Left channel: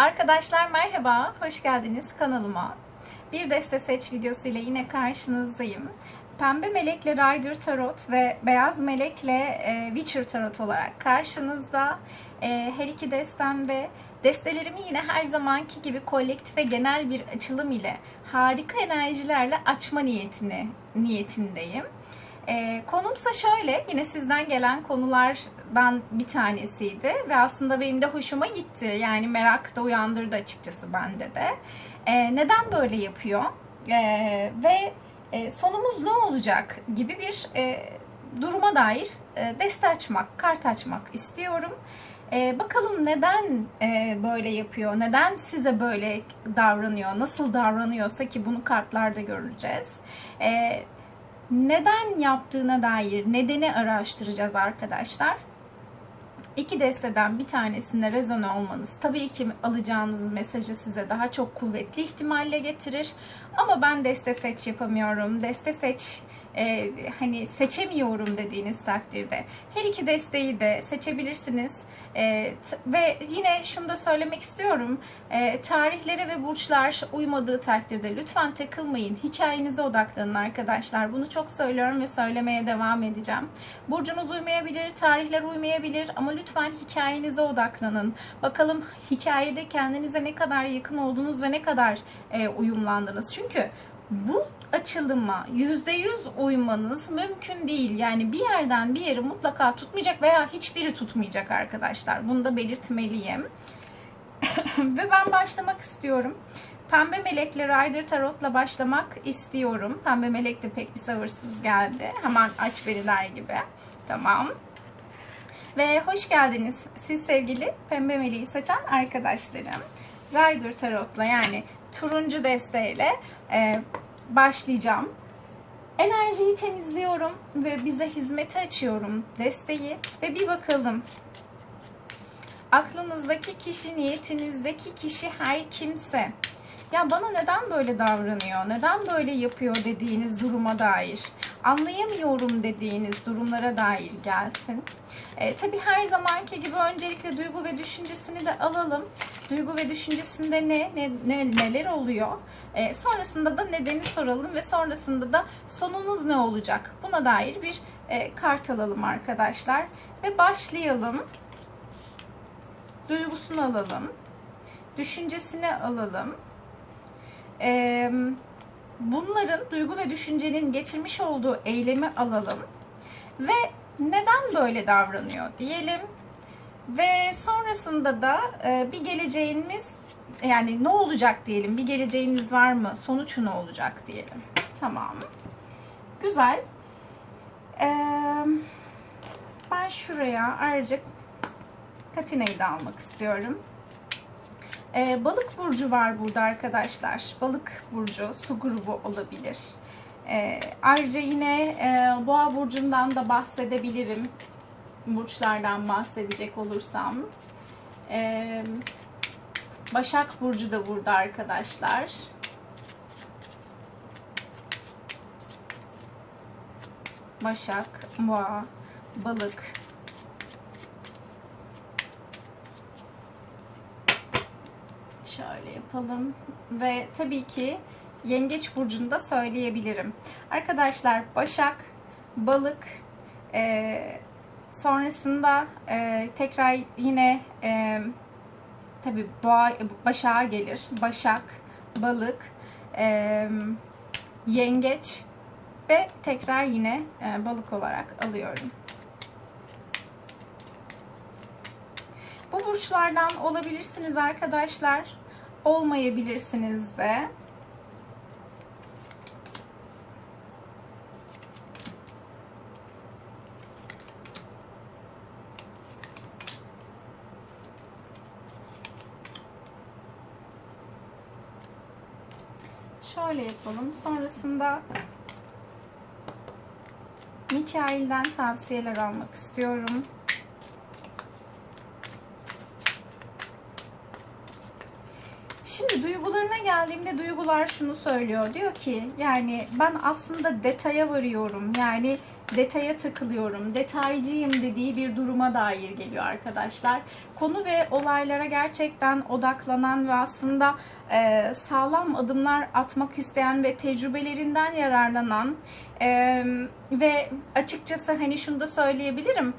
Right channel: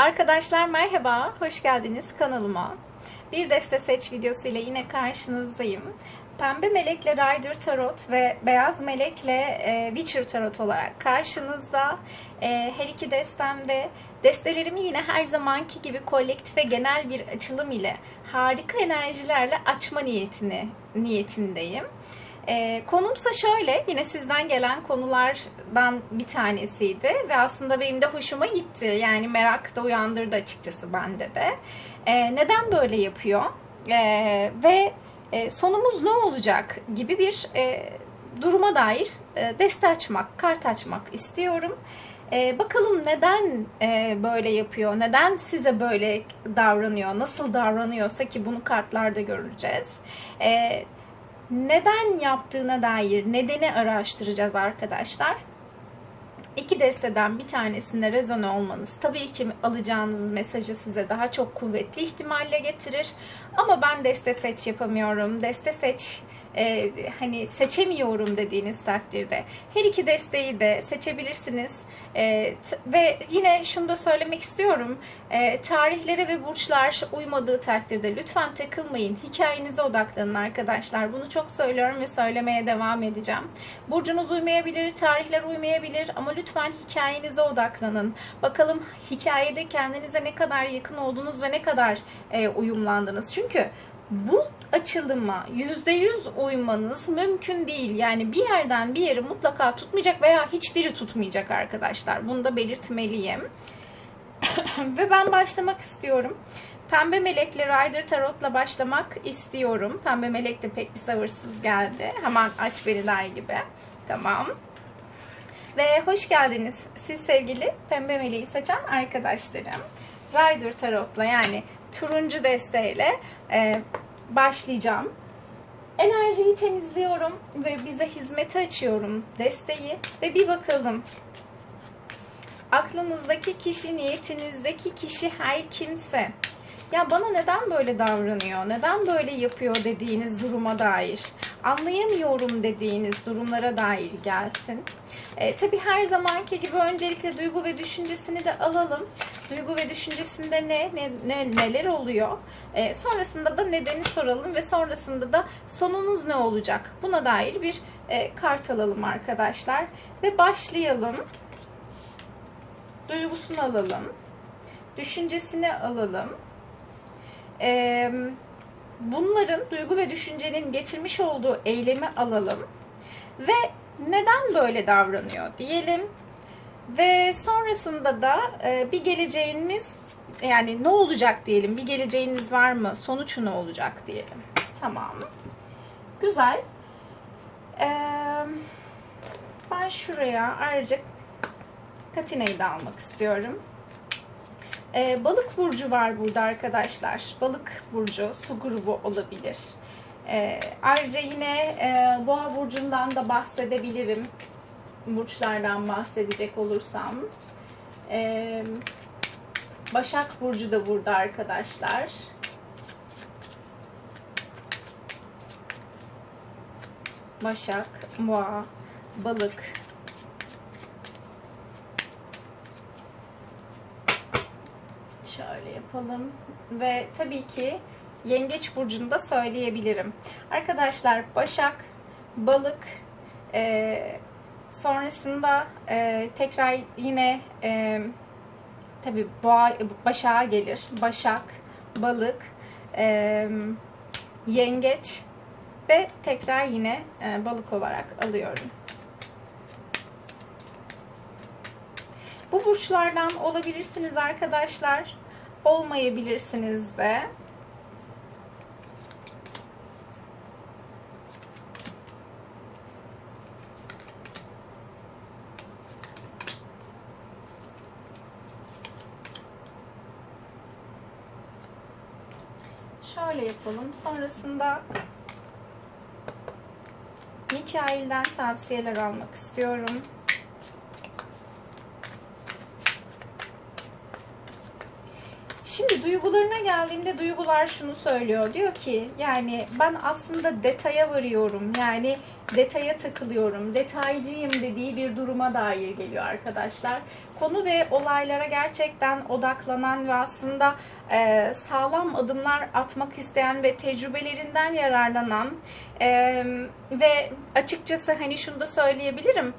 Arkadaşlar merhaba, hoş geldiniz kanalıma. Bir deste seç videosu ile yine karşınızdayım. Pembe melekle Rider Tarot ve beyaz melekle e, Witcher Tarot olarak karşınızda. E, her iki destemde destelerimi yine her zamanki gibi kolektif ve genel bir açılım ile harika enerjilerle açma niyetini niyetindeyim. E, konumsa şöyle, yine sizden gelen konulardan bir tanesiydi ve aslında benim de hoşuma gitti. Yani merak da uyandırdı açıkçası bende de. E, neden böyle yapıyor? E, ve e, sonumuz ne olacak gibi bir e, duruma dair e, deste açmak, kart açmak istiyorum. Bakalım neden böyle yapıyor, neden size böyle davranıyor, nasıl davranıyorsa ki bunu kartlarda göreceğiz. Neden yaptığına dair nedeni araştıracağız arkadaşlar. İki desteden bir tanesinde rezone olmanız tabii ki alacağınız mesajı size daha çok kuvvetli ihtimalle getirir. Ama ben deste seç yapamıyorum, deste seç e, hani seçemiyorum dediğiniz takdirde her iki desteği de seçebilirsiniz. E, ve yine şunu da söylemek istiyorum. E, tarihlere ve burçlar uymadığı takdirde lütfen takılmayın. Hikayenize odaklanın arkadaşlar. Bunu çok söylüyorum ve söylemeye devam edeceğim. Burcunuz uymayabilir, tarihler uymayabilir ama lütfen hikayenize odaklanın. Bakalım hikayede kendinize ne kadar yakın oldunuz ve ne kadar e, uyumlandınız. Çünkü bu açılıma %100 uymanız mümkün değil. Yani bir yerden bir yeri mutlaka tutmayacak veya hiçbiri tutmayacak arkadaşlar. Bunu da belirtmeliyim. Ve ben başlamak istiyorum. Pembe Melek'le Rider Tarot'la başlamak istiyorum. Pembe Melek de pek bir sabırsız geldi. Hemen aç beni der gibi. Tamam. Ve hoş geldiniz siz sevgili Pembe Meleği seçen arkadaşlarım. Rider Tarot'la yani turuncu desteğiyle e, başlayacağım. Enerjiyi temizliyorum ve bize hizmete açıyorum desteği ve bir bakalım. Aklınızdaki kişi, niyetinizdeki kişi her kimse ya bana neden böyle davranıyor, neden böyle yapıyor dediğiniz duruma dair, anlayamıyorum dediğiniz durumlara dair gelsin. E, tabii her zamanki gibi öncelikle duygu ve düşüncesini de alalım. Duygu ve düşüncesinde ne, ne, ne neler oluyor? E, sonrasında da nedeni soralım ve sonrasında da sonunuz ne olacak? Buna dair bir e, kart alalım arkadaşlar ve başlayalım. Duygusunu alalım. Düşüncesini alalım. Ee, bunların duygu ve düşüncenin getirmiş olduğu eylemi alalım ve neden böyle davranıyor diyelim. Ve sonrasında da e, bir geleceğiniz yani ne olacak diyelim bir geleceğiniz var mı sonuç ne olacak diyelim. Tamam. Güzel. Ee, ben şuraya ayrıca Katina'yı da almak istiyorum ee, balık burcu var burada arkadaşlar. Balık burcu, su grubu olabilir. Ee, ayrıca yine e, boğa burcundan da bahsedebilirim. Burçlardan bahsedecek olursam. Ee, Başak burcu da burada arkadaşlar. Başak, boğa, balık, Şöyle yapalım. Ve tabii ki yengeç burcunu da söyleyebilirim. Arkadaşlar Başak, Balık, e, sonrasında e, tekrar yine e, tabii boğa, Başak'a gelir. Başak, Balık, e, Yengeç ve tekrar yine e, Balık olarak alıyorum. Bu burçlardan olabilirsiniz arkadaşlar. Olmayabilirsiniz de. Şöyle yapalım. Sonrasında Mikail'den tavsiyeler almak istiyorum. Şimdi duygularına geldiğimde duygular şunu söylüyor. Diyor ki yani ben aslında detaya varıyorum. Yani detaya takılıyorum, detaycıyım dediği bir duruma dair geliyor arkadaşlar. Konu ve olaylara gerçekten odaklanan ve aslında e, sağlam adımlar atmak isteyen ve tecrübelerinden yararlanan e, ve açıkçası hani şunu da söyleyebilirim.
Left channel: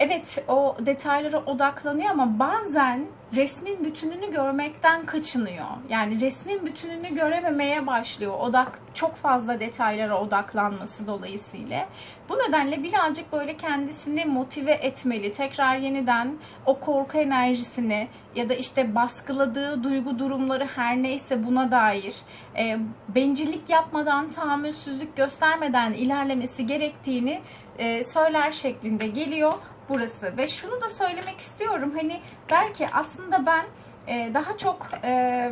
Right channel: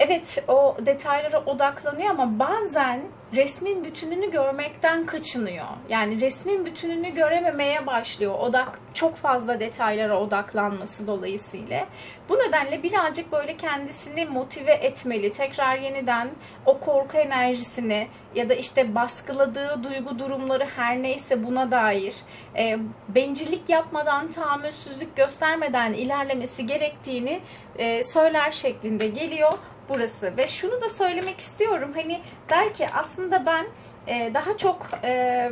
Evet o detaylara odaklanıyor ama bazen resmin bütününü görmekten kaçınıyor. Yani resmin bütününü görememeye başlıyor. Odak çok fazla detaylara odaklanması dolayısıyla. Bu nedenle birazcık böyle kendisini motive etmeli. Tekrar yeniden o korku enerjisini ya da işte baskıladığı duygu durumları her neyse buna dair e, bencillik yapmadan, tahammülsüzlük göstermeden ilerlemesi gerektiğini e, söyler şeklinde geliyor burası. Ve şunu da söylemek istiyorum. Hani der ki aslında ben e, daha çok e,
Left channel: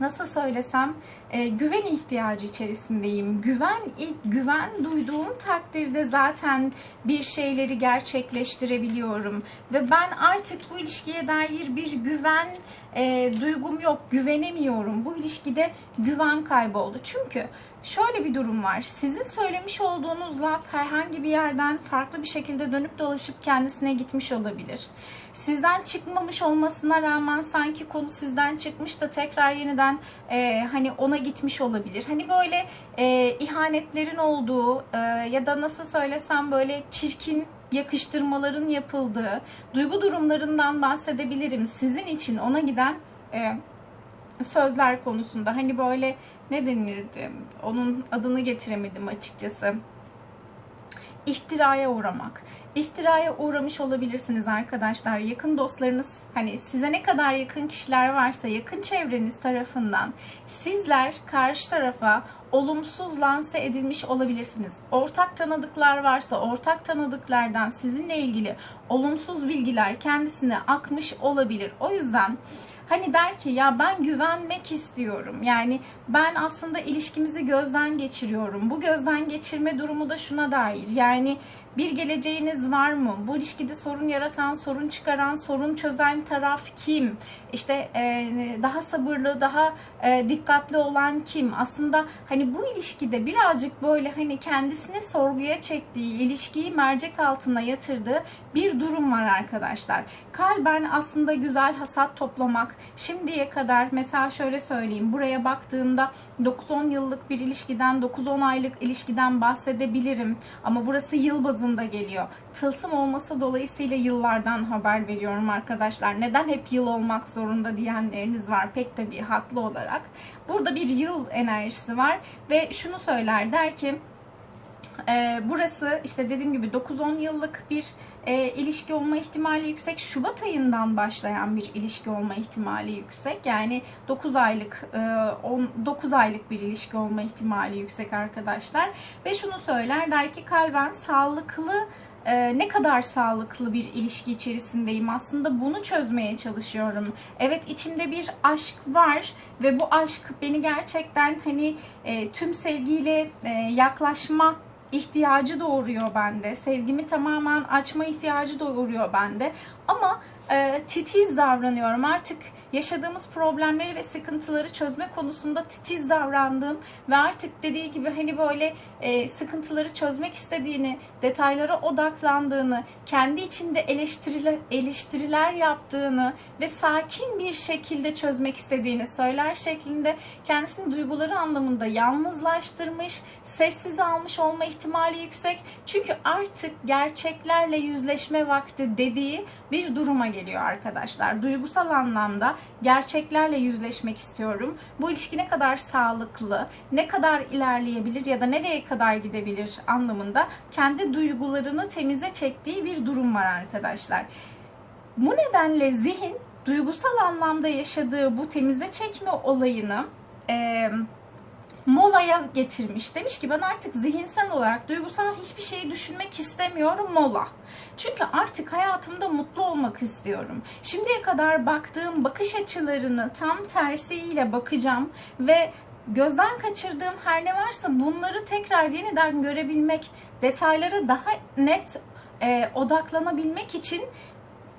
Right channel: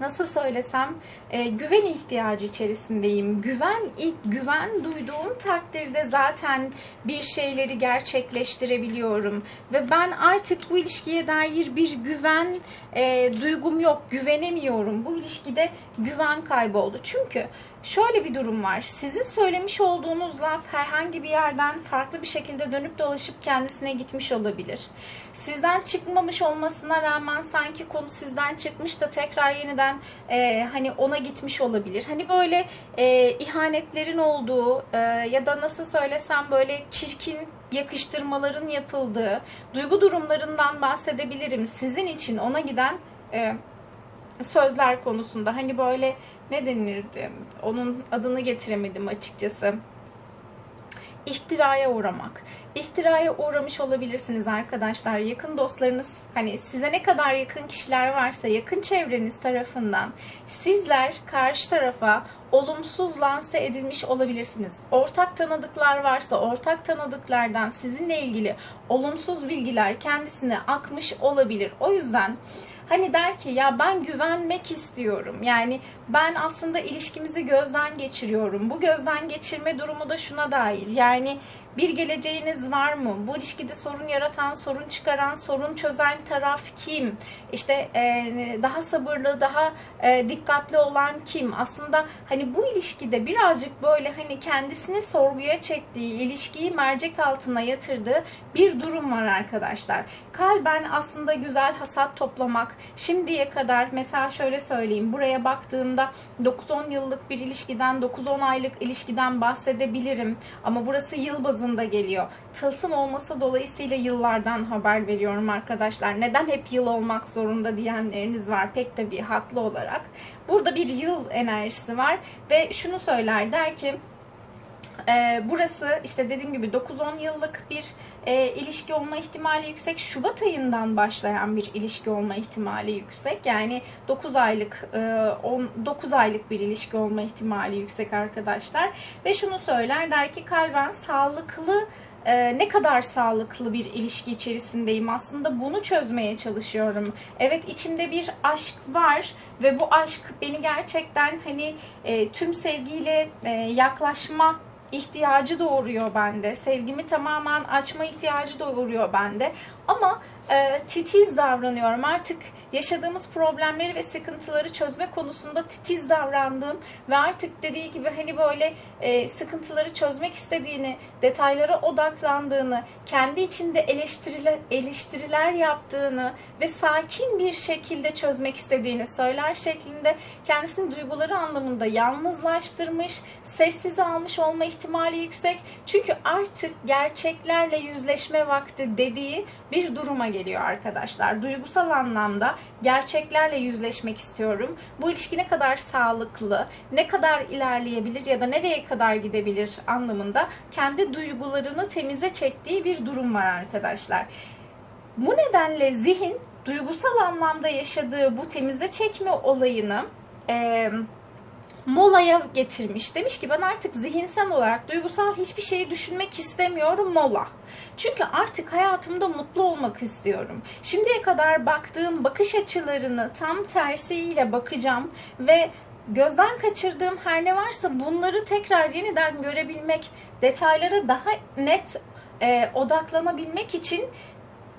nasıl söylesem e, güven ihtiyacı içerisindeyim. Güven güven duyduğum takdirde zaten bir şeyleri gerçekleştirebiliyorum ve ben artık bu ilişkiye dair bir güven e, duygum yok, güvenemiyorum. Bu ilişkide güven kayboldu. Çünkü şöyle bir durum var. Sizin söylemiş olduğunuz laf herhangi bir yerden farklı bir şekilde dönüp dolaşıp kendisine gitmiş olabilir. Sizden çıkmamış olmasına rağmen sanki konu sizden çıkmış da tekrar yeniden e, hani ona gitmiş olabilir. Hani böyle e, ihanetlerin olduğu e, ya da nasıl söylesem böyle çirkin yakıştırmaların yapıldığı duygu durumlarından bahsedebilirim. Sizin için ona giden e, sözler konusunda hani böyle ne denirdi? Onun adını getiremedim açıkçası. İftiraya uğramak. İftiraya uğramış olabilirsiniz arkadaşlar. Yakın dostlarınız hani size ne kadar yakın kişiler varsa yakın çevreniz tarafından sizler karşı tarafa olumsuz lanse edilmiş olabilirsiniz. Ortak tanıdıklar varsa ortak tanıdıklardan sizinle ilgili olumsuz bilgiler kendisine akmış olabilir. O yüzden Hani der ki ya ben güvenmek istiyorum. Yani ben aslında ilişkimizi gözden geçiriyorum. Bu gözden geçirme durumu da şuna dair. Yani bir geleceğiniz var mı? Bu ilişkide sorun yaratan, sorun çıkaran, sorun çözen taraf kim? İşte e, daha sabırlı, daha e, dikkatli olan kim? Aslında hani bu ilişkide birazcık böyle hani kendisini sorguya çektiği, ilişkiyi mercek altına yatırdığı bir durum var arkadaşlar. Kalben aslında güzel hasat toplamak. Şimdiye kadar mesela şöyle söyleyeyim. Buraya baktığımda 9-10 yıllık bir ilişkiden, 9-10 aylık ilişkiden bahsedebilirim. Ama burası yıl bazında geliyor. Tılsım olması dolayısıyla yıllardan haber veriyorum arkadaşlar. Neden hep yıl olmak zorunda diyenleriniz var pek tabii haklı olarak. Burada bir yıl enerjisi var ve şunu söyler der ki e, burası işte dediğim gibi 9-10 yıllık bir e, ilişki olma ihtimali yüksek. Şubat ayından başlayan bir ilişki olma ihtimali yüksek. Yani 9 aylık e, 10, 9 aylık bir ilişki olma ihtimali yüksek arkadaşlar. Ve şunu söyler der ki kalben sağlıklı e, ne kadar sağlıklı bir ilişki içerisindeyim aslında bunu çözmeye çalışıyorum. Evet içimde bir aşk var ve bu aşk beni gerçekten hani e, tüm sevgiyle e, yaklaşma ihtiyacı doğuruyor bende. Sevgimi tamamen açma ihtiyacı doğuruyor bende. Ama e, titiz davranıyorum. Artık yaşadığımız problemleri ve sıkıntıları çözme konusunda titiz davrandığım ve artık dediği gibi hani böyle e, sıkıntıları çözmek istediğini, detaylara odaklandığını, kendi içinde eleştiriler, eleştiriler yaptığını ve sakin bir şekilde çözmek istediğini söyler şeklinde kendisini duyguları anlamında yalnızlaştırmış, sessiz almış olma ihtimali yüksek. Çünkü artık gerçeklerle yüzleşme vakti dediği bir duruma geliyor arkadaşlar. Duygusal anlamda gerçeklerle yüzleşmek istiyorum. Bu ilişki ne kadar sağlıklı, ne kadar ilerleyebilir ya da nereye kadar gidebilir anlamında kendi duygularını temize çektiği bir durum var arkadaşlar. Bu nedenle zihin duygusal anlamda yaşadığı bu temize çekme olayını e, molaya getirmiş. Demiş ki ben artık zihinsel olarak duygusal hiçbir şeyi düşünmek istemiyorum mola. Çünkü artık hayatımda mutlu olmak istiyorum. Şimdiye kadar baktığım bakış açılarını tam tersiyle bakacağım ve gözden kaçırdığım her ne varsa bunları tekrar yeniden görebilmek, detaylara daha net e, odaklanabilmek için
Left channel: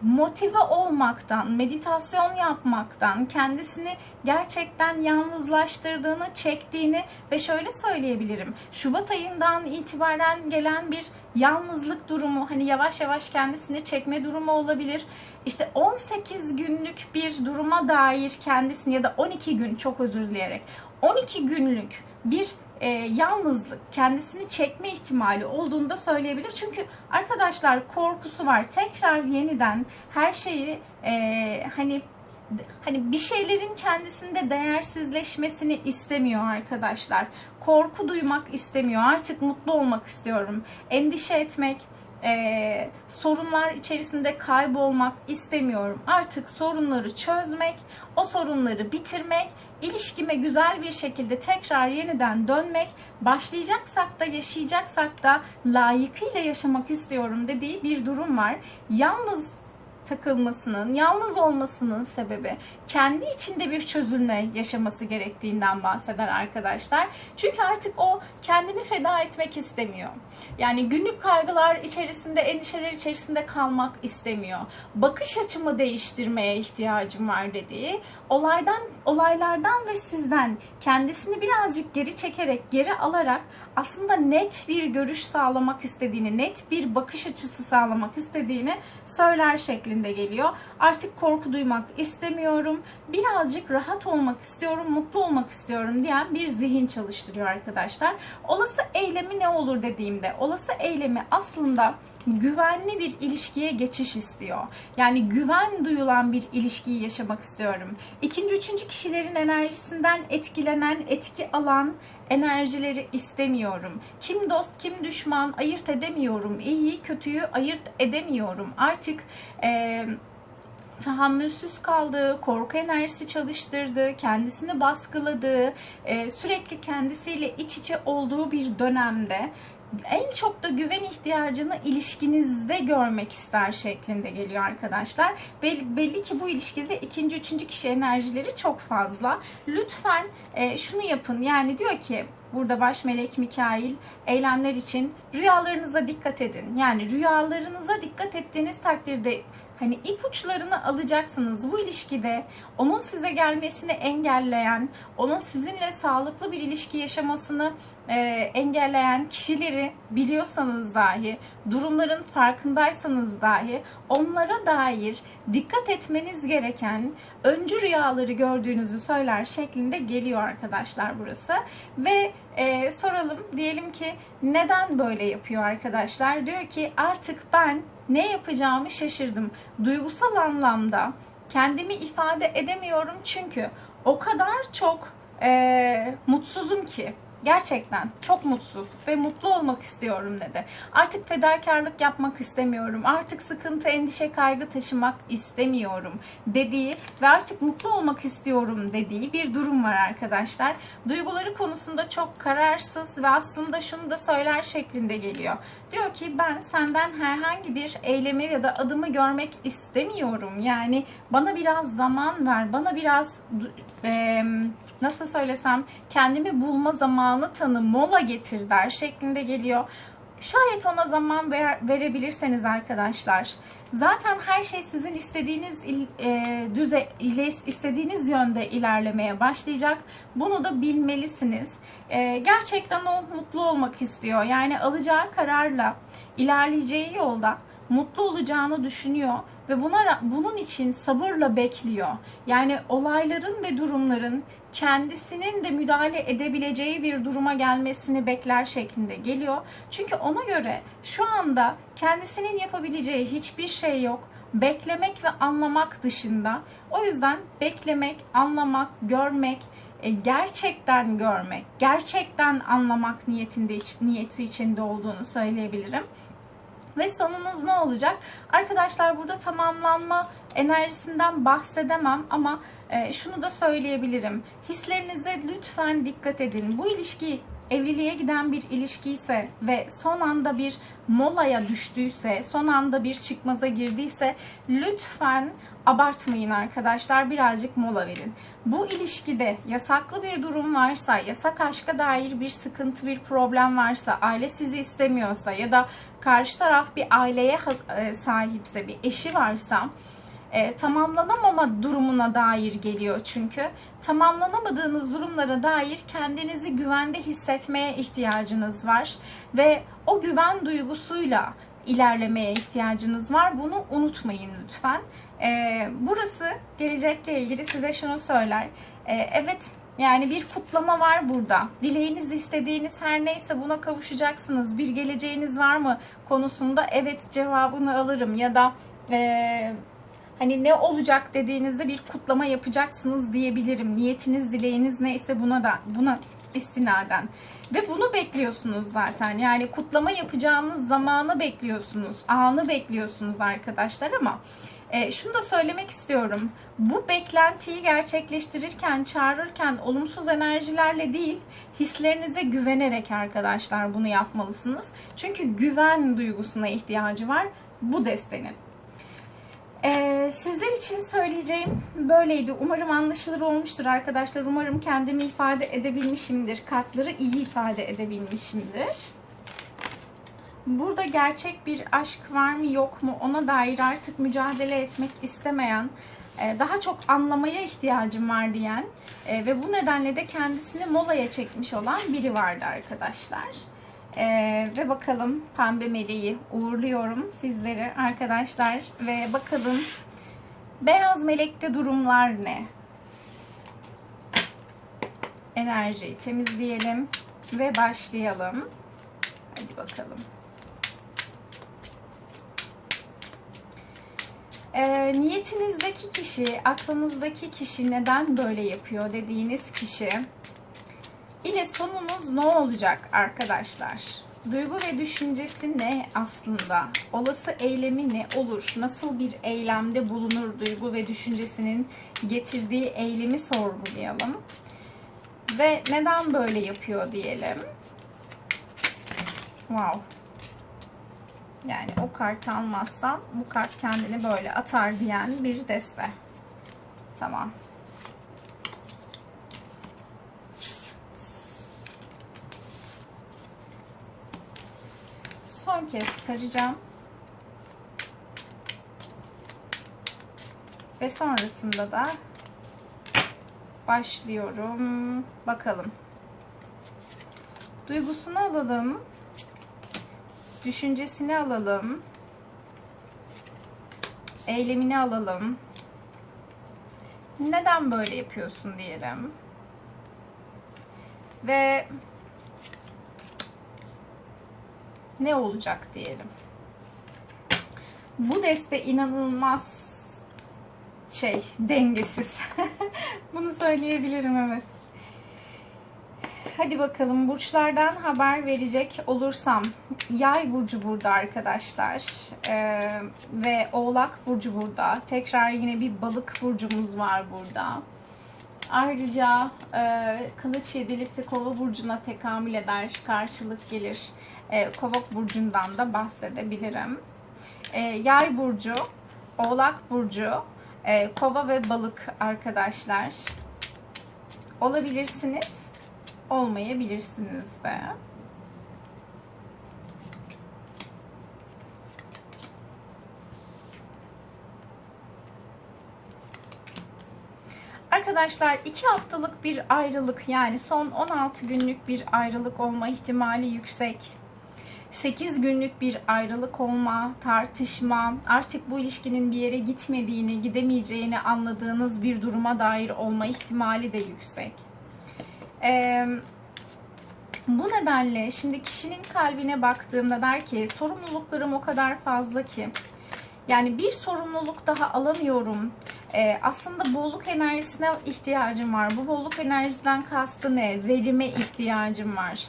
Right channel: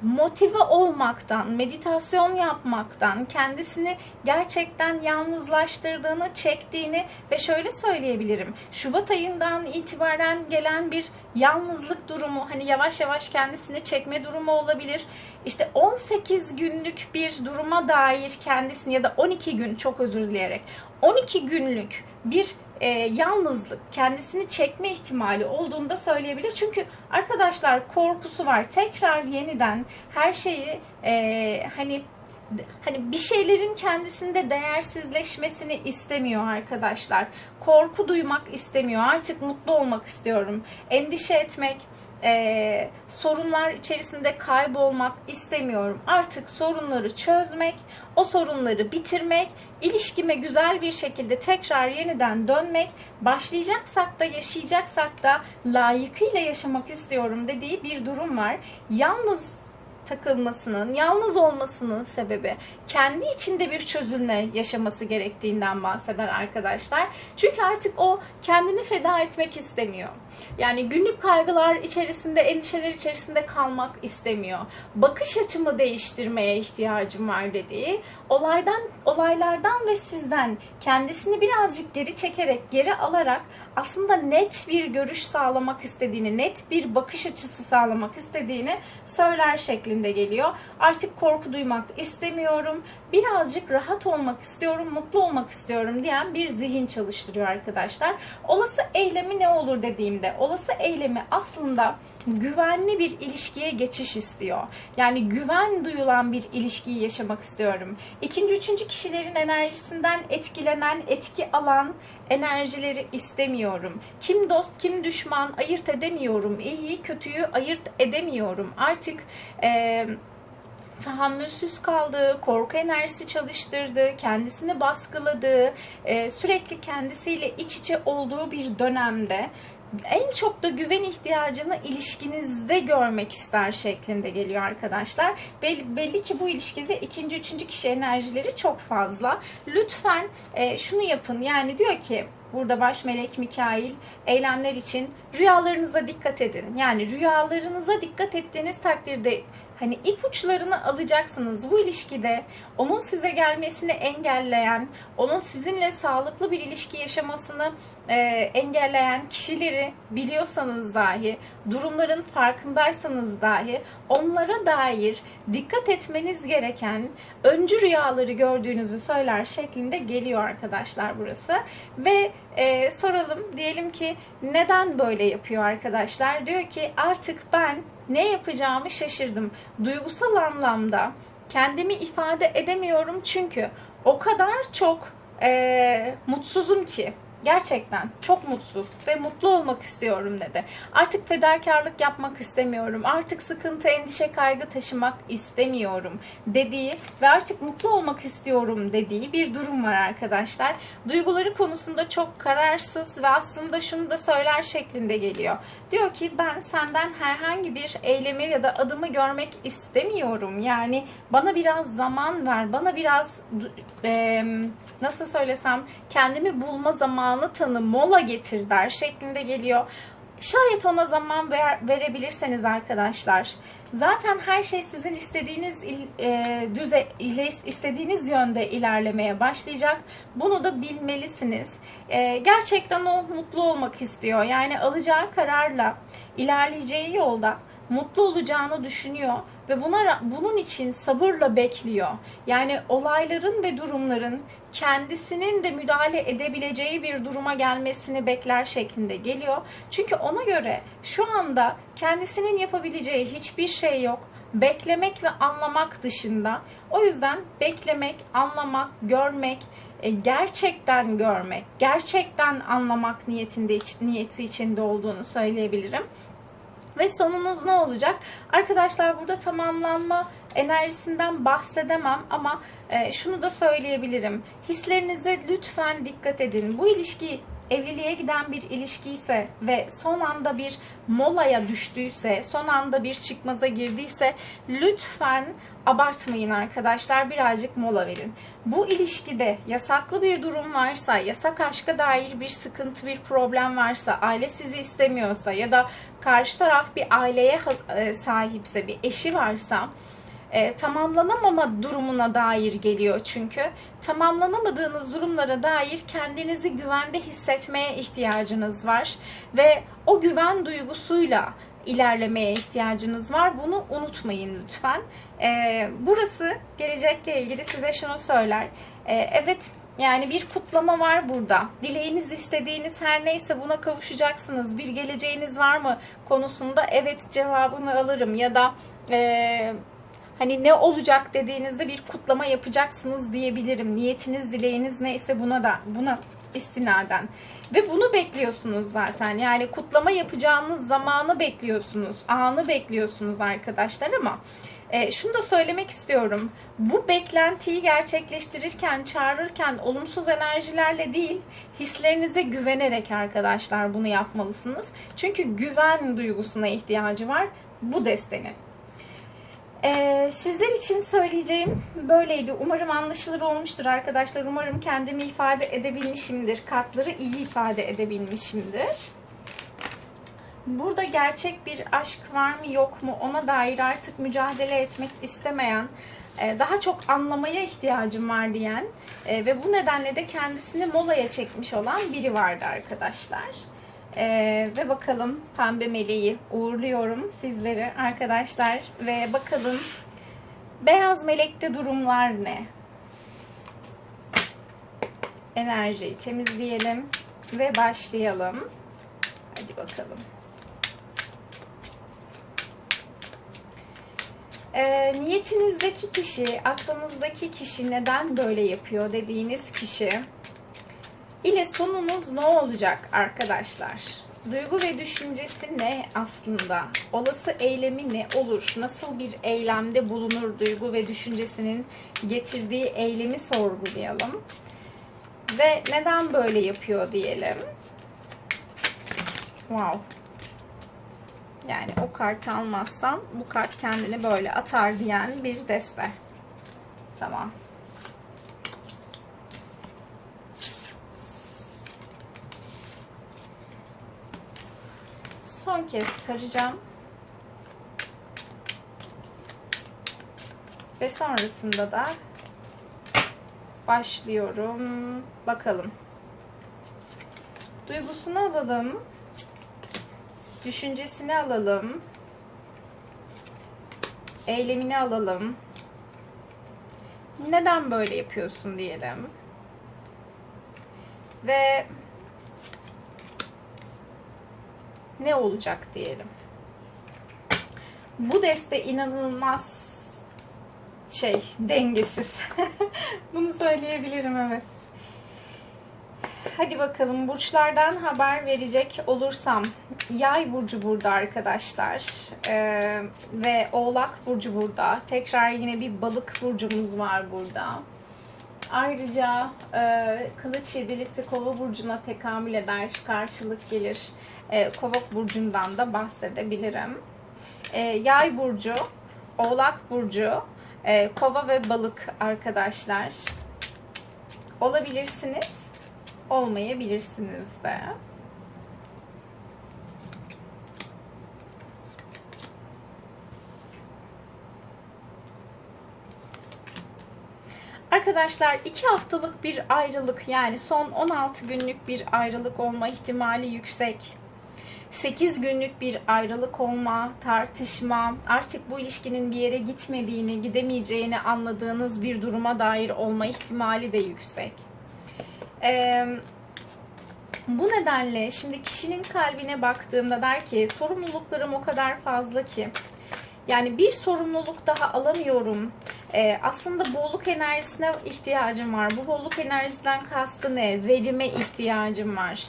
motive olmaktan, meditasyon yapmaktan, kendisini gerçekten yalnızlaştırdığını, çektiğini ve şöyle söyleyebilirim. Şubat ayından itibaren gelen bir yalnızlık durumu, hani yavaş yavaş kendisini çekme durumu olabilir. İşte 18 günlük bir duruma dair kendisini ya da 12 gün çok özür dileyerek 12 günlük bir e, yalnızlık, kendisini çekme ihtimali olduğunu da söyleyebilir. Çünkü arkadaşlar korkusu var. Tekrar yeniden her şeyi e, hani hani bir şeylerin kendisinde değersizleşmesini istemiyor arkadaşlar. Korku duymak istemiyor. Artık mutlu olmak istiyorum. Endişe etmek, e, sorunlar içerisinde kaybolmak istemiyorum. Artık sorunları çözmek, o sorunları bitirmek, ilişkime güzel bir şekilde tekrar yeniden dönmek, başlayacaksak da yaşayacaksak da layıkıyla yaşamak istiyorum dediği bir durum var. Yalnız takılmasının, yalnız olmasının sebebi kendi içinde bir çözülme yaşaması gerektiğinden bahseder arkadaşlar. Çünkü artık o kendini feda etmek istemiyor. Yani günlük kaygılar içerisinde, endişeler içerisinde kalmak istemiyor. Bakış açımı değiştirmeye ihtiyacım var dediği, olaydan, olaylardan ve sizden kendisini birazcık geri çekerek, geri alarak aslında net bir görüş sağlamak istediğini, net bir bakış açısı sağlamak istediğini söyler şeklinde geliyor. Artık korku duymak istemiyorum, birazcık rahat olmak istiyorum, mutlu olmak istiyorum diyen bir zihin çalıştırıyor arkadaşlar. Olası eylemi ne olur dediğimde, olası eylemi aslında güvenli bir ilişkiye geçiş istiyor. Yani güven duyulan bir ilişkiyi yaşamak istiyorum. İkinci, üçüncü kişilerin enerjisinden etkilenen, etki alan enerjileri istemiyorum. Kim dost, kim düşman ayırt edemiyorum. İyiyi, kötüyü ayırt edemiyorum. Artık eee tahammülsüz kaldığı, korku enerjisi çalıştırdığı, kendisini baskıladığı, sürekli kendisiyle iç içe olduğu bir dönemde en çok da güven ihtiyacını ilişkinizde görmek ister şeklinde geliyor arkadaşlar. Belli, belli ki bu ilişkide ikinci, üçüncü kişi enerjileri çok fazla. Lütfen e, şunu yapın. Yani diyor ki burada baş melek Mikail eylemler için rüyalarınıza dikkat edin. Yani rüyalarınıza dikkat ettiğiniz takdirde hani ipuçlarını alacaksınız bu ilişkide. Onun size gelmesini engelleyen, onun sizinle sağlıklı bir ilişki yaşamasını e, engelleyen kişileri biliyorsanız dahi, durumların farkındaysanız dahi onlara dair dikkat etmeniz gereken öncü rüyaları gördüğünüzü söyler şeklinde geliyor arkadaşlar burası. Ve e, soralım diyelim ki neden böyle yapıyor arkadaşlar? Diyor ki artık ben ne yapacağımı şaşırdım. Duygusal anlamda kendimi ifade edemiyorum çünkü o kadar çok e, mutsuzum ki gerçekten çok mutsuz ve mutlu olmak istiyorum dedi. Artık fedakarlık yapmak istemiyorum. Artık sıkıntı, endişe, kaygı taşımak istemiyorum dediği ve artık mutlu olmak istiyorum dediği bir durum var arkadaşlar. Duyguları konusunda çok kararsız ve aslında şunu da söyler şeklinde geliyor. Diyor ki ben senden herhangi bir eylemi ya da adımı görmek istemiyorum. Yani bana biraz zaman ver, bana biraz e, nasıl söylesem kendimi bulma zamanı tanı, mola getir der şeklinde geliyor. Şayet ona zaman ver, verebilirseniz arkadaşlar zaten her şey sizin istediğiniz e, düze istediğiniz yönde ilerlemeye başlayacak. Bunu da bilmelisiniz. E, gerçekten o mutlu olmak istiyor. Yani alacağı kararla ilerleyeceği yolda mutlu olacağını düşünüyor ve buna bunun için sabırla bekliyor. Yani olayların ve durumların kendisinin de müdahale edebileceği bir duruma gelmesini bekler şeklinde geliyor. Çünkü ona göre şu anda kendisinin yapabileceği hiçbir şey yok. Beklemek ve anlamak dışında. O yüzden beklemek, anlamak, görmek, e, gerçekten görmek, gerçekten anlamak niyetinde niyeti içinde olduğunu söyleyebilirim. Ve sonunuz ne olacak? Arkadaşlar burada tamamlanma enerjisinden bahsedemem ama e, şunu da söyleyebilirim. Hislerinize lütfen dikkat edin. Bu ilişki evliliğe giden bir ilişki ise ve son anda bir molaya düştüyse, son anda bir çıkmaza girdiyse lütfen abartmayın arkadaşlar. Birazcık mola verin. Bu ilişkide yasaklı bir durum varsa, yasak aşka dair bir sıkıntı, bir problem varsa, aile sizi istemiyorsa ya da karşı taraf bir aileye e, sahipse, bir eşi varsa e, tamamlanamama durumuna dair geliyor çünkü. Tamamlanamadığınız durumlara dair kendinizi güvende hissetmeye ihtiyacınız var ve o güven duygusuyla ilerlemeye ihtiyacınız var. Bunu unutmayın lütfen. E, burası gelecekle ilgili size şunu söyler. E, evet yani bir kutlama var burada. Dileğiniz, istediğiniz her neyse buna kavuşacaksınız. Bir geleceğiniz var mı konusunda evet cevabını alırım ya da e, hani ne olacak dediğinizde bir kutlama yapacaksınız diyebilirim. Niyetiniz, dileğiniz neyse buna da buna istinaden. Ve bunu bekliyorsunuz zaten. Yani kutlama yapacağınız zamanı bekliyorsunuz. Anı bekliyorsunuz arkadaşlar ama e, şunu da söylemek istiyorum. Bu beklentiyi gerçekleştirirken, çağırırken olumsuz enerjilerle değil, hislerinize güvenerek arkadaşlar bunu yapmalısınız. Çünkü güven duygusuna ihtiyacı var bu destenin. Ee, sizler için söyleyeceğim böyleydi. Umarım anlaşılır olmuştur arkadaşlar. Umarım kendimi ifade edebilmişimdir. Kartları iyi ifade edebilmişimdir. Burada gerçek bir aşk var mı yok mu ona dair artık mücadele etmek istemeyen, e, daha çok anlamaya ihtiyacım var diyen e, ve bu nedenle de kendisini molaya çekmiş olan biri vardı arkadaşlar. Ee, ve bakalım pembe meleği uğurluyorum sizleri arkadaşlar ve bakalım beyaz melekte durumlar ne? Enerjiyi temizleyelim ve başlayalım. Hadi bakalım. E, niyetinizdeki kişi, aklınızdaki kişi neden böyle yapıyor dediğiniz kişi ile sonunuz ne olacak arkadaşlar? Duygu ve düşüncesi ne aslında? Olası eylemi ne olur? Nasıl bir eylemde bulunur duygu ve düşüncesinin getirdiği eylemi sorgulayalım. Ve neden böyle yapıyor diyelim. Wow. Yani o kartı almazsam bu kart kendini böyle atar diyen bir deste. Tamam. Son kez karacağım. Ve sonrasında da başlıyorum. Bakalım. Duygusunu alalım. Düşüncesini alalım. Eylemini alalım. Neden böyle yapıyorsun diyelim. Ve ne olacak diyelim. Bu deste inanılmaz şey dengesiz. Bunu söyleyebilirim evet. Hadi bakalım burçlardan haber verecek olursam. Yay burcu burada arkadaşlar. Ee, ve Oğlak burcu burada. Tekrar yine bir balık burcumuz var burada. Ayrıca e, kılıç yedilisi kova burcuna tekamül eder. Karşılık gelir. E, kova burcundan da bahsedebilirim. E, yay burcu, Oğlak burcu, e, kova ve balık arkadaşlar. Olabilirsiniz olmayabilirsiniz de. Arkadaşlar 2 haftalık bir ayrılık yani son 16 günlük bir ayrılık olma ihtimali yüksek. 8 günlük bir ayrılık olma, tartışma, artık bu ilişkinin bir yere gitmediğini, gidemeyeceğini anladığınız bir duruma dair olma ihtimali de yüksek. Ee, bu nedenle şimdi kişinin kalbine baktığımda der ki sorumluluklarım o kadar fazla ki yani bir sorumluluk daha alamıyorum. Ee, aslında bolluk enerjisine ihtiyacım var. Bu bolluk enerjiden kastı ne? Verime ihtiyacım var.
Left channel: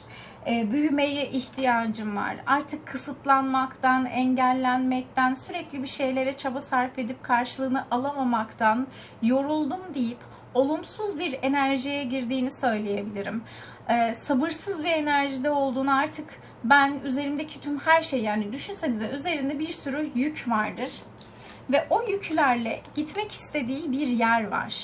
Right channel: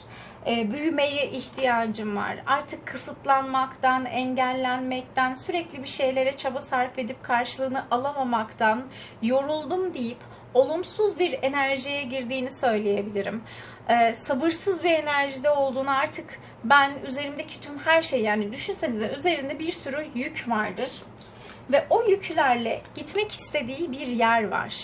Ee, büyümeye ihtiyacım var. Artık kısıtlanmaktan, engellenmekten, sürekli bir şeylere çaba sarf edip karşılığını alamamaktan yoruldum deyip olumsuz bir enerjiye girdiğini söyleyebilirim. e, sabırsız bir enerjide olduğunu artık ben üzerimdeki tüm her şey yani düşünsenize üzerinde bir sürü yük vardır. Ve o yüklerle gitmek istediği bir yer var.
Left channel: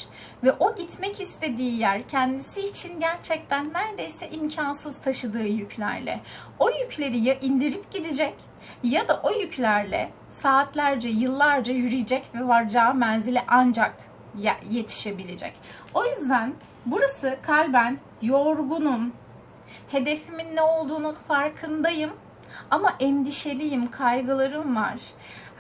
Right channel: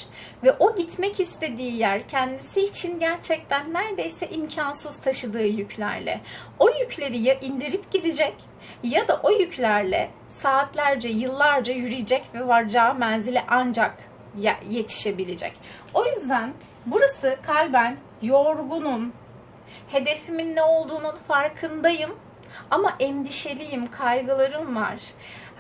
Ve o gitmek istediği yer kendisi için gerçekten neredeyse imkansız taşıdığı yüklerle. O yükleri ya indirip gidecek ya da o yüklerle saatlerce, yıllarca yürüyecek ve varacağı menzile ancak yetişebilecek. O yüzden burası kalben yorgunum, hedefimin ne olduğunun farkındayım ama endişeliyim, kaygılarım var.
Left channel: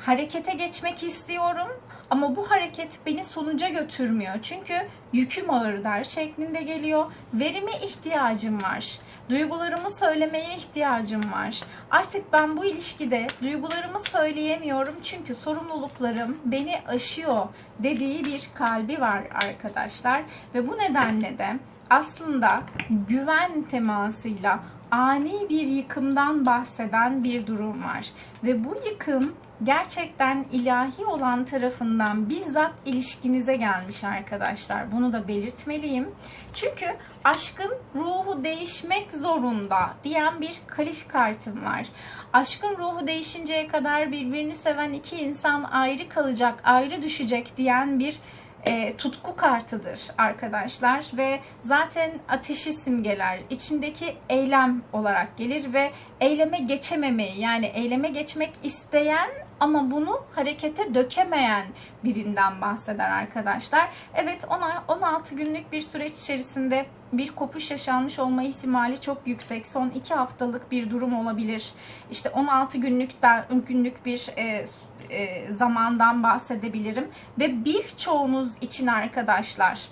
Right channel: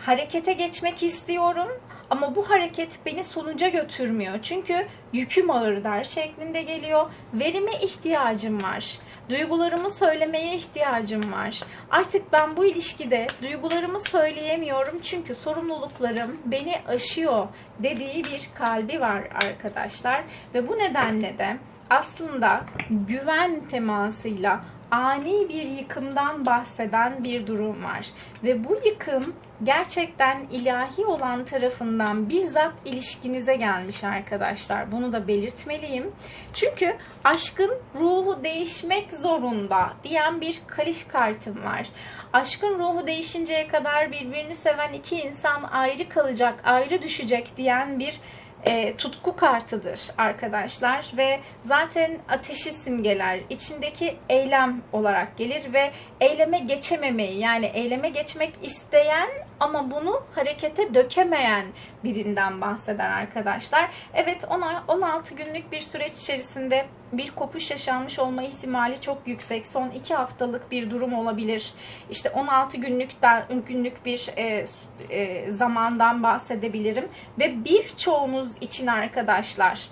Harekete geçmek istiyorum ama bu hareket beni sonuca götürmüyor. Çünkü yüküm ağır der şeklinde geliyor. Verime ihtiyacım var. Duygularımı söylemeye ihtiyacım var. Artık ben bu ilişkide duygularımı söyleyemiyorum çünkü sorumluluklarım beni aşıyor dediği bir kalbi var arkadaşlar. Ve bu nedenle de aslında güven temasıyla ani bir yıkımdan bahseden bir durum var. Ve bu yıkım gerçekten ilahi olan tarafından bizzat ilişkinize gelmiş arkadaşlar. Bunu da belirtmeliyim. Çünkü aşkın ruhu değişmek zorunda diyen bir kalif kartım var. Aşkın ruhu değişinceye kadar birbirini seven iki insan ayrı kalacak, ayrı düşecek diyen bir e, tutku kartıdır arkadaşlar ve zaten ateşi simgeler. İçindeki eylem olarak gelir ve eyleme geçememeyi yani eyleme geçmek isteyen ama bunu harekete dökemeyen birinden bahseder arkadaşlar. Evet 16 günlük bir süreç içerisinde bir kopuş yaşanmış olma ihtimali çok yüksek. Son 2 haftalık bir durum olabilir. İşte 16 günlükten günlük bir e, e, zamandan bahsedebilirim ve birçoğunuz için arkadaşlar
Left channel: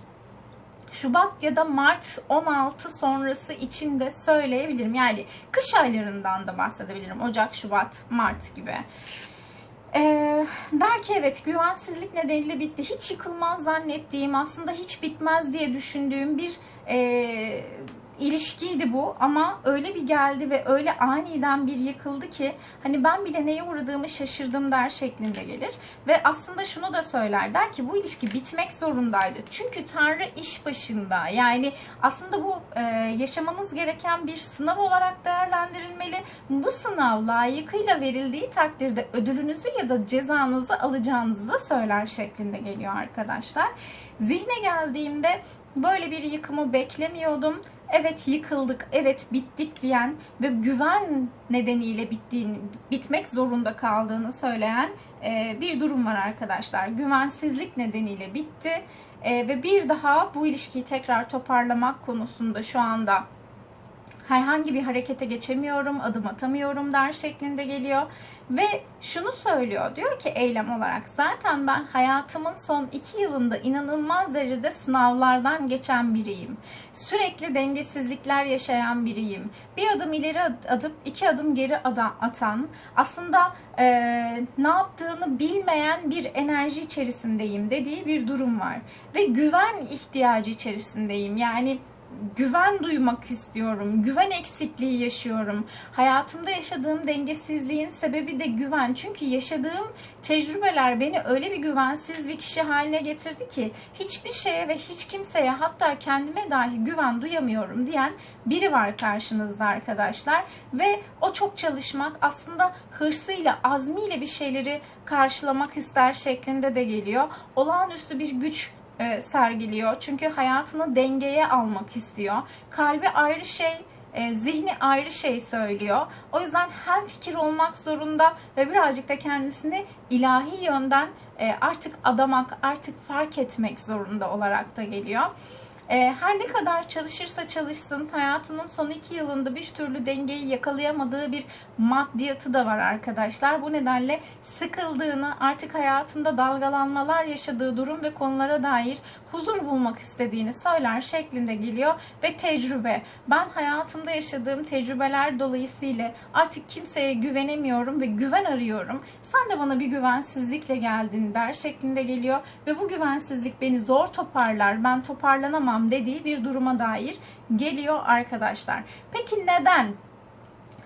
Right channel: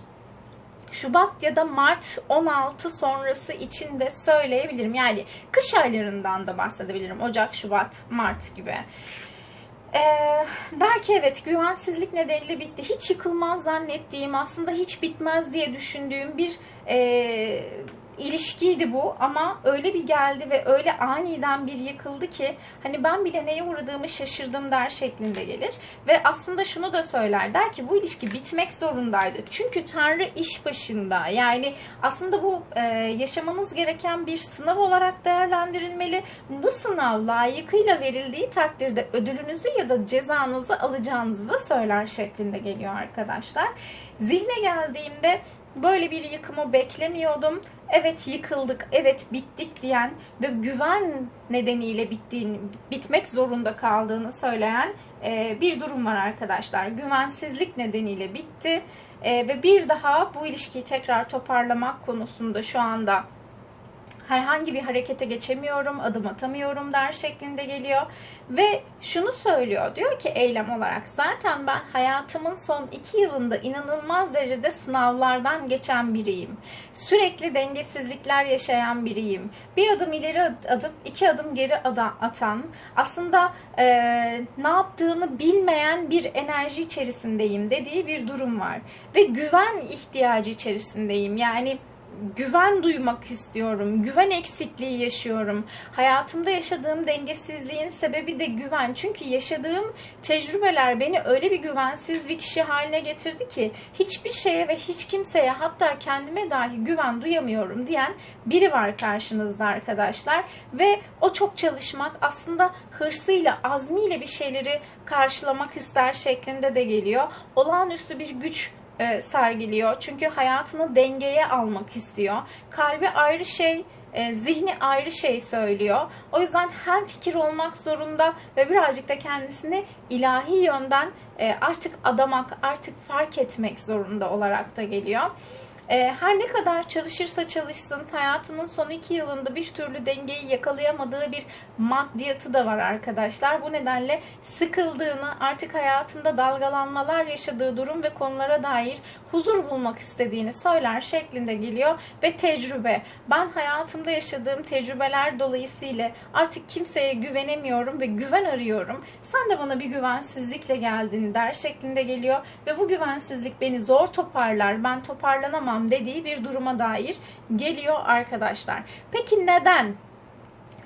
Şubat ya da Mart 16 sonrası için de söyleyebilirim. Yani kış aylarından da bahsedebilirim. Ocak, Şubat, Mart gibi. Ee, der ki evet güvensizlik nedeniyle bitti. Hiç yıkılmaz zannettiğim aslında hiç bitmez diye düşündüğüm bir e, ilişkiydi bu ama öyle bir geldi ve öyle aniden bir yıkıldı ki hani ben bile neye uğradığımı şaşırdım der şeklinde gelir. Ve aslında şunu da söyler der ki bu ilişki bitmek zorundaydı. Çünkü Tanrı iş başında yani aslında bu e, yaşamanız gereken bir sınav olarak değerlendirilmeli. Bu sınav layıkıyla verildiği takdirde ödülünüzü ya da cezanızı alacağınızı da söyler şeklinde geliyor arkadaşlar. Zihne geldiğimde böyle bir yıkımı beklemiyordum evet yıkıldık, evet bittik diyen ve güven nedeniyle bittiğini, bitmek zorunda kaldığını söyleyen e, bir durum var arkadaşlar. Güvensizlik nedeniyle bitti e, ve bir daha bu ilişkiyi tekrar toparlamak konusunda şu anda herhangi bir harekete geçemiyorum, adım atamıyorum der şeklinde geliyor. Ve şunu söylüyor, diyor ki eylem olarak zaten ben hayatımın son iki yılında inanılmaz derecede sınavlardan geçen biriyim. Sürekli dengesizlikler yaşayan biriyim. Bir adım ileri atıp iki adım geri atan, aslında e, ne yaptığını bilmeyen bir enerji içerisindeyim dediği bir durum var. Ve güven ihtiyacı içerisindeyim. Yani güven duymak istiyorum. Güven eksikliği yaşıyorum. Hayatımda yaşadığım dengesizliğin sebebi de güven. Çünkü yaşadığım tecrübeler beni öyle bir güvensiz bir kişi haline getirdi ki hiçbir şeye ve hiç kimseye hatta kendime dahi güven duyamıyorum diyen biri var karşınızda arkadaşlar. Ve o çok çalışmak aslında hırsıyla, azmiyle bir şeyleri karşılamak ister şeklinde de geliyor. Olağanüstü bir güç e, sergiliyor. Çünkü hayatını dengeye almak istiyor. Kalbi ayrı şey, e, zihni ayrı şey söylüyor. O yüzden hem fikir olmak zorunda ve birazcık da kendisini ilahi yönden e, artık adamak, artık fark etmek zorunda olarak da geliyor. Her ne kadar çalışırsa çalışsın hayatının son iki yılında bir türlü dengeyi yakalayamadığı bir maddiyatı da var arkadaşlar. Bu nedenle sıkıldığını, artık hayatında dalgalanmalar yaşadığı durum ve konulara dair huzur bulmak istediğini söyler şeklinde geliyor ve tecrübe. Ben hayatımda yaşadığım tecrübeler dolayısıyla artık kimseye güvenemiyorum ve güven arıyorum. Sen de bana bir güvensizlikle geldin der şeklinde geliyor ve bu güvensizlik beni zor toparlar. Ben toparlanamam dediği bir duruma dair geliyor arkadaşlar. Peki neden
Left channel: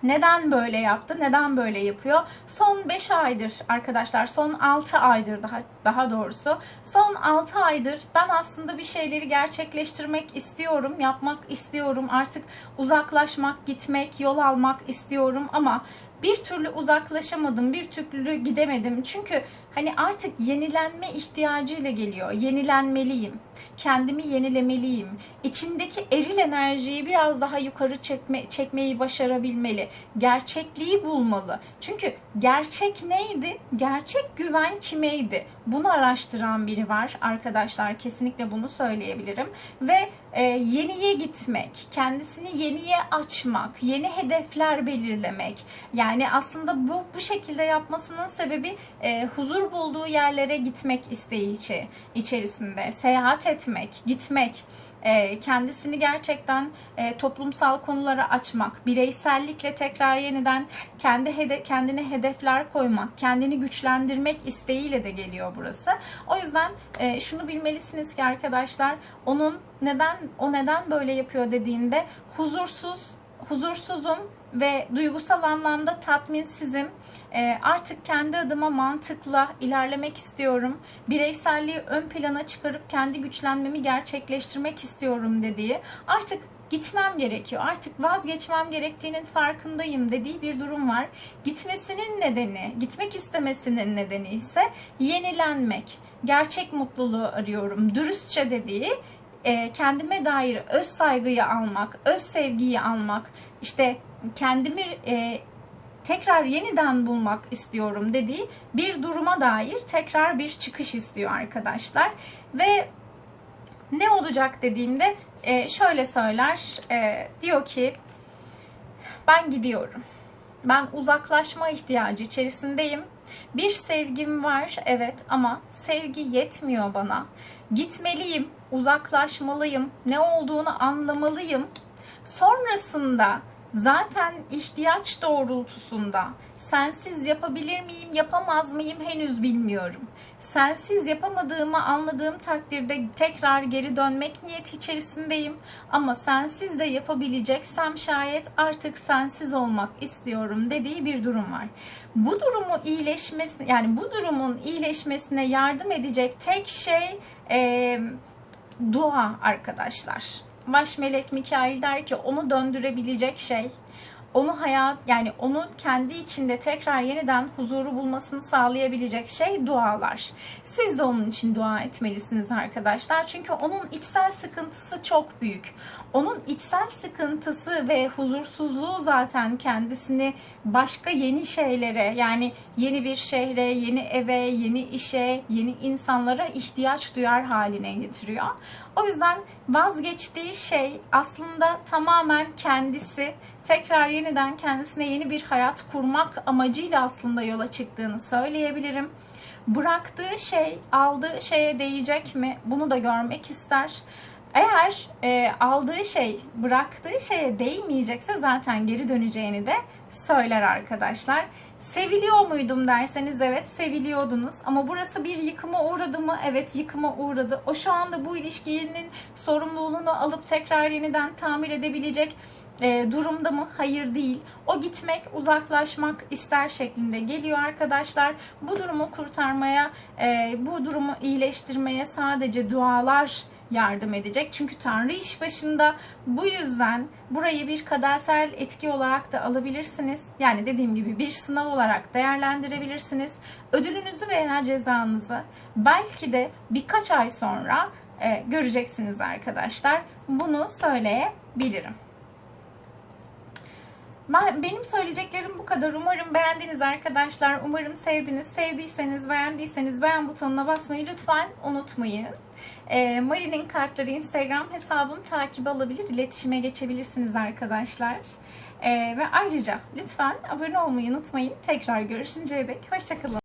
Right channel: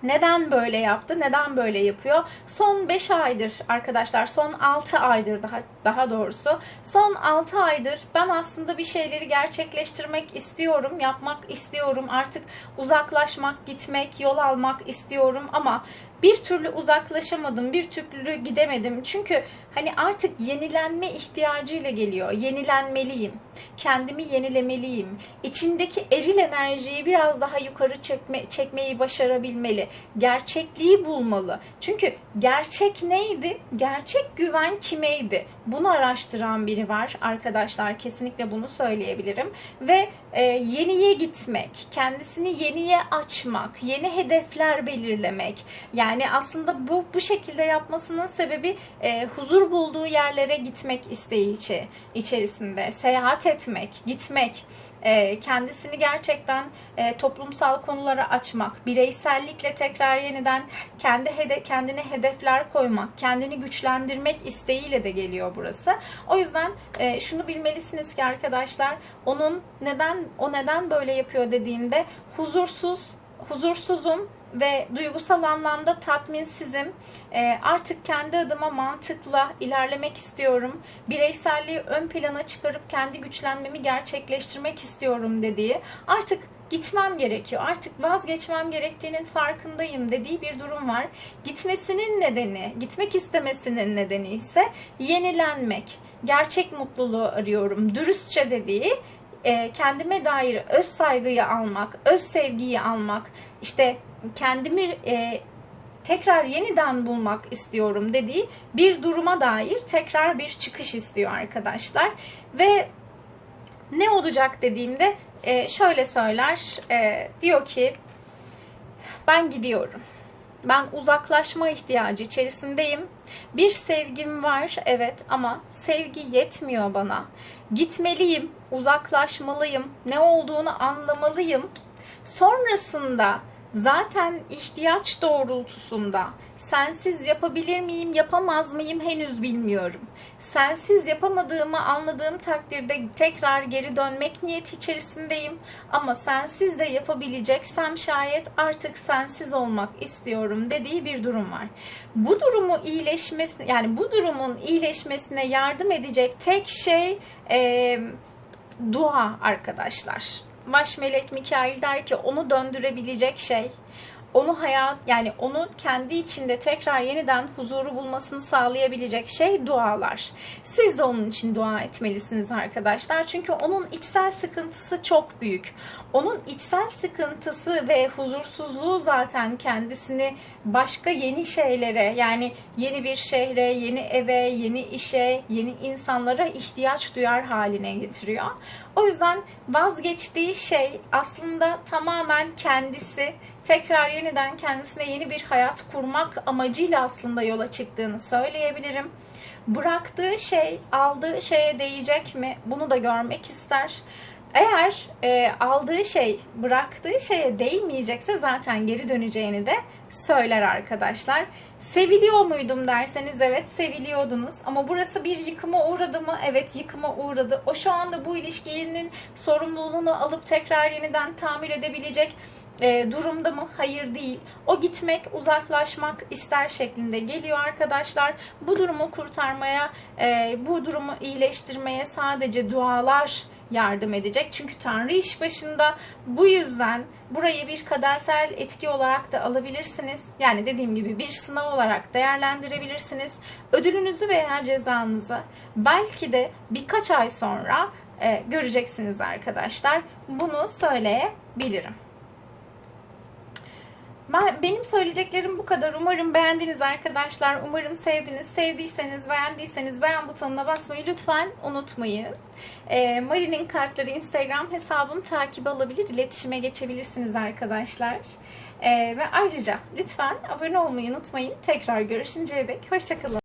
Neden böyle yaptı? Neden böyle yapıyor? Son 5 aydır arkadaşlar, son 6 aydır daha daha doğrusu. Son 6 aydır ben aslında bir şeyleri gerçekleştirmek istiyorum, yapmak istiyorum. Artık uzaklaşmak, gitmek, yol almak istiyorum ama bir türlü uzaklaşamadım, bir türlü gidemedim. Çünkü hani artık yenilenme ihtiyacıyla geliyor. Yenilenmeliyim. Kendimi yenilemeliyim. İçindeki eril enerjiyi biraz daha yukarı çekme, çekmeyi başarabilmeli. Gerçekliği bulmalı. Çünkü gerçek neydi? Gerçek güven kimeydi? Bunu araştıran biri var arkadaşlar. Kesinlikle bunu söyleyebilirim. Ve e, yeniye gitmek, kendisini yeniye açmak, yeni hedefler belirlemek. Yani aslında bu bu şekilde yapmasının sebebi e, huzur bulduğu yerlere gitmek isteği içi, içerisinde. Seyahat etmek, gitmek, e, kendisini gerçekten e, toplumsal konulara açmak, bireysellikle tekrar yeniden kendi hede kendine hedefler koymak, kendini güçlendirmek isteğiyle de geliyor burası. O yüzden e, şunu bilmelisiniz ki arkadaşlar, onun neden o neden böyle yapıyor dediğinde huzursuz, huzursuzum ve duygusal anlamda tatminsizim. E, artık kendi adıma mantıkla ilerlemek istiyorum. Bireyselliği ön plana çıkarıp kendi güçlenmemi gerçekleştirmek istiyorum dediği. Artık gitmem gerekiyor. Artık vazgeçmem gerektiğinin farkındayım dediği bir durum var. Gitmesinin nedeni, gitmek istemesinin nedeni ise yenilenmek. Gerçek mutluluğu arıyorum. Dürüstçe dediği e, kendime dair öz saygıyı almak, öz sevgiyi almak, işte kendimi e, tekrar yeniden bulmak istiyorum dediği bir duruma dair tekrar bir çıkış istiyor arkadaşlar. Ve ne olacak dediğimde e, şöyle söyler, e, diyor ki ben gidiyorum. Ben uzaklaşma ihtiyacı içerisindeyim. Bir sevgim var evet ama sevgi yetmiyor bana. Gitmeliyim, uzaklaşmalıyım, ne olduğunu anlamalıyım. Sonrasında zaten ihtiyaç doğrultusunda sensiz yapabilir miyim, yapamaz mıyım henüz bilmiyorum. Sensiz yapamadığımı anladığım takdirde tekrar geri dönmek niyeti içerisindeyim. Ama sensiz de yapabileceksem şayet artık sensiz olmak istiyorum dediği bir durum var. Bu durumu iyileşmesi, yani bu durumun iyileşmesine yardım edecek tek şey e, dua arkadaşlar. Baş melek Mikail der ki onu döndürebilecek şey onu hayat yani onu kendi içinde tekrar yeniden huzuru bulmasını sağlayabilecek şey dualar. Siz de onun için dua etmelisiniz arkadaşlar. Çünkü onun içsel sıkıntısı çok büyük. Onun içsel sıkıntısı ve huzursuzluğu zaten kendisini başka yeni şeylere yani yeni bir şehre, yeni eve, yeni işe, yeni insanlara ihtiyaç duyar haline getiriyor. O yüzden vazgeçtiği şey aslında tamamen kendisi tekrar yeniden kendisine yeni bir hayat kurmak amacıyla aslında yola çıktığını söyleyebilirim. Bıraktığı şey aldığı şeye değecek mi? Bunu da görmek ister. Eğer e, aldığı şey bıraktığı şeye değmeyecekse zaten geri döneceğini de söyler arkadaşlar. Seviliyor muydum derseniz evet seviliyordunuz ama burası bir yıkıma uğradı mı? Evet yıkıma uğradı. O şu anda bu ilişkinin sorumluluğunu alıp tekrar yeniden tamir edebilecek e, durumda mı? Hayır değil. O gitmek, uzaklaşmak ister şeklinde geliyor arkadaşlar. Bu durumu kurtarmaya, e, bu durumu iyileştirmeye sadece dualar yardım edecek. Çünkü Tanrı iş başında. Bu yüzden burayı bir kadersel etki olarak da alabilirsiniz. Yani dediğim gibi bir sınav olarak değerlendirebilirsiniz. Ödülünüzü veya cezanızı belki de birkaç ay sonra e, göreceksiniz arkadaşlar. Bunu söyleyebilirim. Ben, benim söyleyeceklerim bu kadar. Umarım beğendiniz arkadaşlar. Umarım sevdiniz. Sevdiyseniz, beğendiyseniz beğen butonuna basmayı lütfen unutmayın. E, Mari'nin kartları Instagram hesabım takip alabilir, iletişime geçebilirsiniz arkadaşlar. E, ve ayrıca lütfen abone olmayı unutmayın. Tekrar görüşünceye dek hoşçakalın.